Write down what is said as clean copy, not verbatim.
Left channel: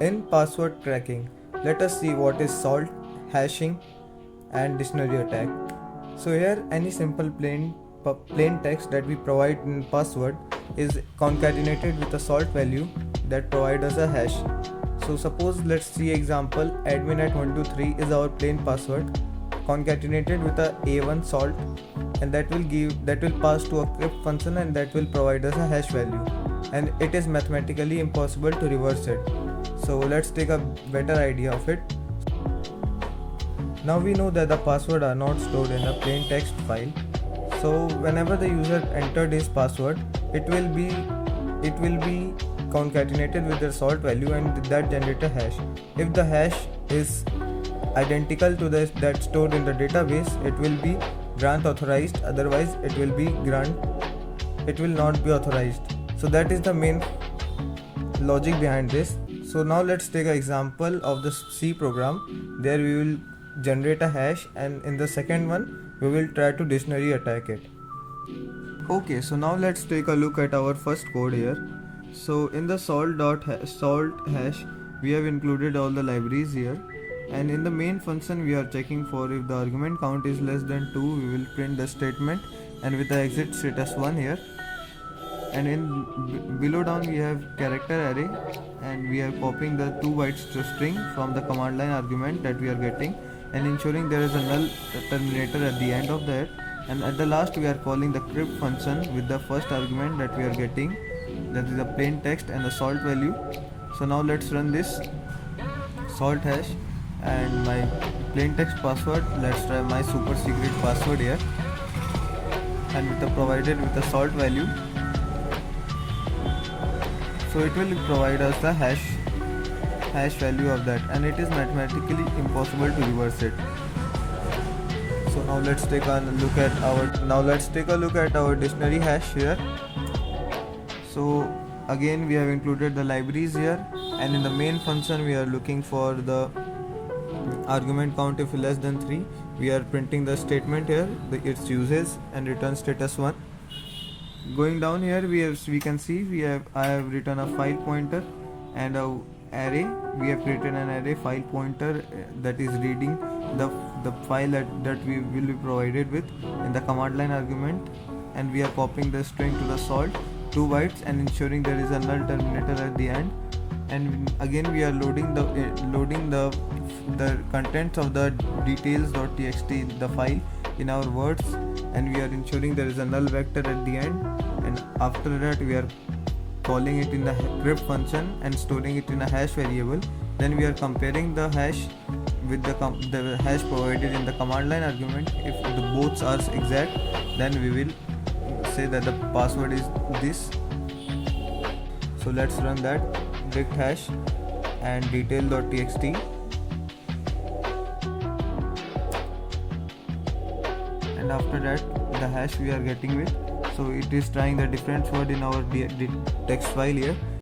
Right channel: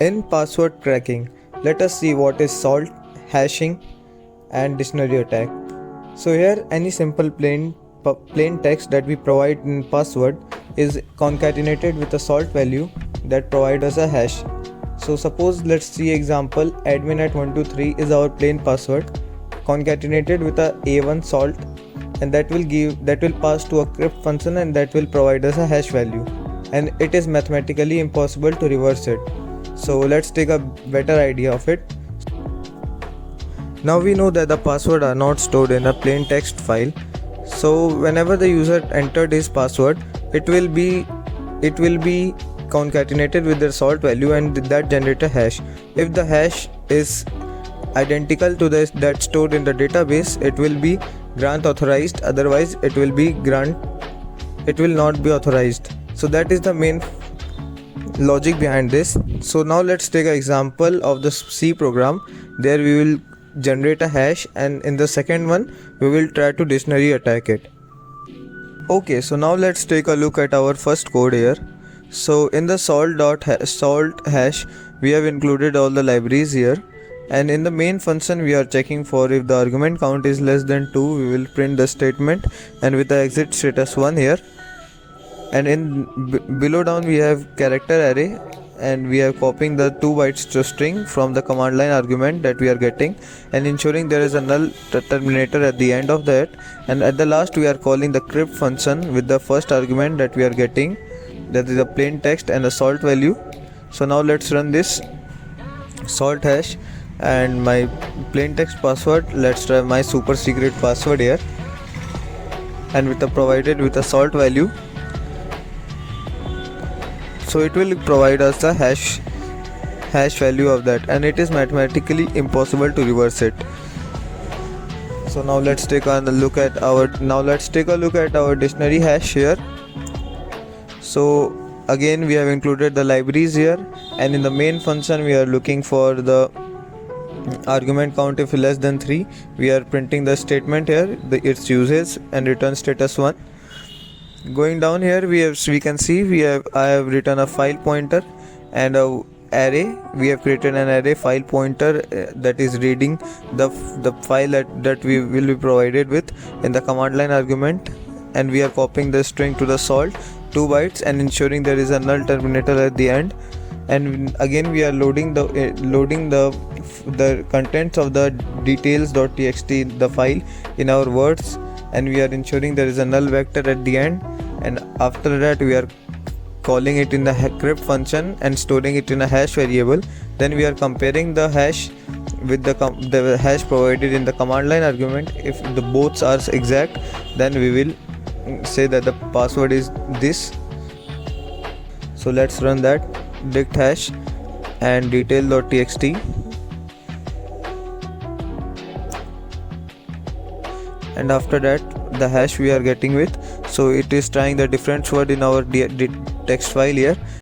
In password cracking, let us see what is salt, hashing, and dictionary attack. So here any simple plain text that we provide in password is concatenated with a salt value that provides us a hash. So suppose let's see example admin at 123 is our plain password concatenated with a a1 salt, and that will pass to a crypt function and that will provide us a hash value, and it is mathematically impossible to reverse it. So let's take a better idea of it. Now we know that the password are not stored in a plain text file. So whenever the user entered his password, it will be concatenated with the salt value and that generate a hash. If the hash is identical to that stored in the database, it will be grant authorized, otherwise it will not be authorized. So that is the main logic behind this. So now let's take an example of the C program. There we will generate a hash, and in the second one we will try to dictionary attack it. Okay, so now let's take a look at our first code here. So in the salt hash we have included all the libraries here, and in the main function we are checking for if the argument count is less than 2, we will print the statement and with the exit status 1 here. And in below down we have character array, and we are copying the 2 bytes to string from the command line argument that we are getting and ensuring there is a null terminator at the end of that. And at the last we are calling the crypt function with the first argument that we are getting, that is a plain text and a salt value. So now let's run this salt hash and my plain text password. Let's try my super secret password here, and with the provided with a salt value. So it will provide us the hash value of that, and it is mathematically impossible to reverse it. So now let's take a look at our dictionary hash here. So again we have included the libraries here, and in the main function we are looking for the argument count. If less than 3, we are printing the statement here, its usage, and return status 1. Going down here we can see I have written a file pointer and a array. We have created an array file pointer that is reading the file that we will be provided with in the command line argument, and we are copying the string to the salt 2 bytes and ensuring there is a null terminator at the end. And again we are loading the contents of the details.txt, the file, in our words, and we are ensuring there is a null vector at the end. And after that we are calling it in the crypt function and storing it in a hash variable. Then we are comparing the hash with the hash provided in the command line argument. If the both are exact, then we will say that the password is this. So let's run that dict hash and detail.txt, and after that the hash we are getting with. So it is trying the different word in our text file here.